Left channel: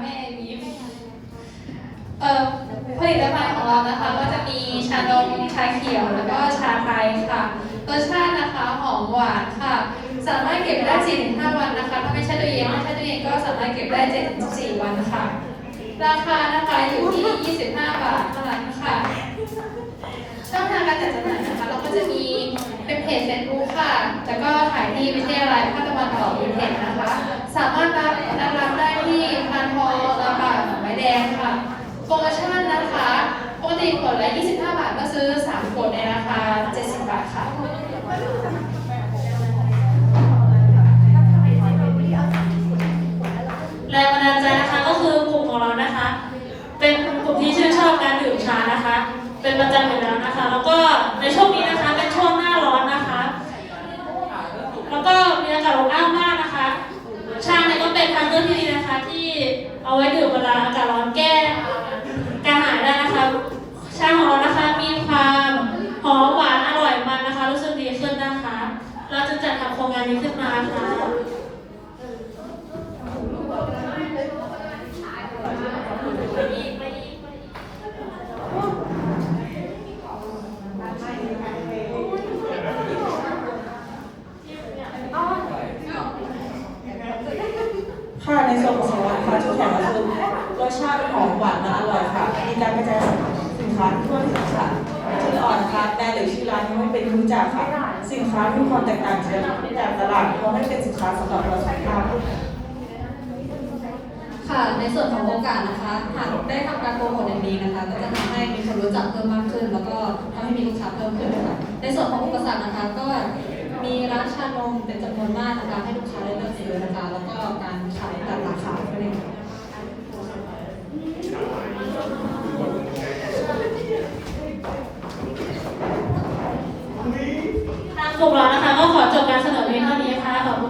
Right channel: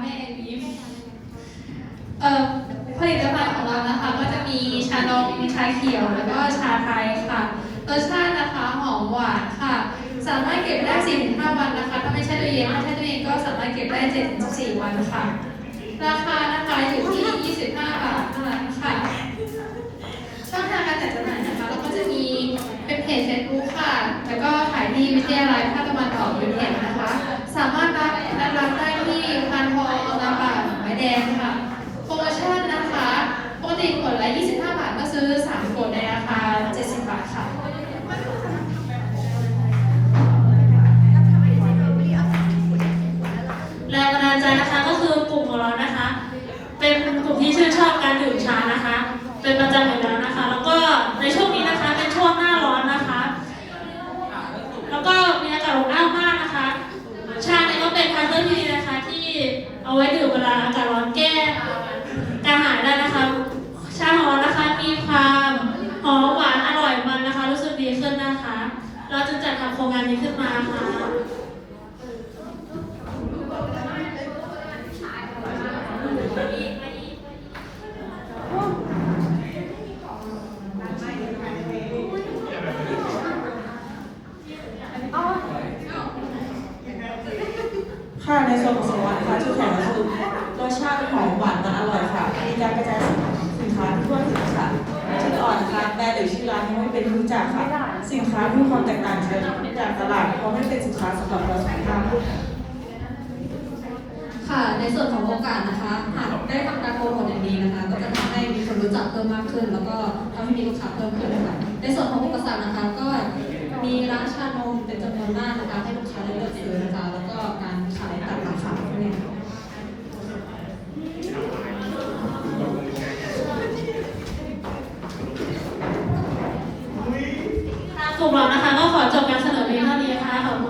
แม่เอมิเอ่อผลิตภัณฑ์ของเรานะคะ ก็จะมีชานมชาเขียวแล้วก็ชาไทยค่ะรสชาตินะคะหอมหวานค่ะ สามารถเก็บได้สี่ถึงห้าวันนะคะ ถ้าไม่ใช่ตู้เย็นถ้าใช่ตู้เย็นก็สามารถเก็บได้เจ็ดถึงสี่วันค่ะ ราคานะคะอยู่ที่ยี่สิบห้าทเท่านั้นค่ะช่องทางการจัดจำหน่ายนะคะเราก็จะมีเป็นเพจเฟซบุ๊กค่ะ แล้วก็ขายที่วิทยาลัยภาคตะวันออกเป็นเพจนะคะ สามารถรับ ขวดละ 25 บาทก็ซื้อ 3 ขวดในราคา 70 บาทค่ะแรงบันดาลใจนะคะก็คือกลุ่มของเรานะคะ เป็นกลุ่มที่ชื่นชอบการดื่มชานะคะ เป็นประจำ ขึ้นนะคะ เราจึงจัดทำโครงงานนี้ขึ้นมาค่ะค่ะในส่วนของสินค้านะคะจุดแข็งก็คือรสชาติหอมหวานและอร่อยค่ะ มีการกระจายสินค้าทั่วถึงค่ะ ออ่อนนะคะแบรนด์หรือชื่อร้านไม่เป็นที่รู้จักค่ะ สินค้ามีความแตกต่างจากตลาดเพราะไม่เป็นสินค้าสำหรับเราสุขภาพค่ะในส่วนของโอกาสนะคะหากได้ทำการโปรโมทอย่างดีนะคะก็จะทำให้มีคนรู้จักเพิ่มมากขึ้น แล้วก็ทำให้มีลูกค้าเพิ่มขึ้นค่ะในส่วนของอุปสรรคนะคะก็มีร้านชานมเป็นจำนวนมาก กลุ่มเรานะคะ ก็ขอจบการเสนอเพียงเท่านี้ค่ะขอบคุณ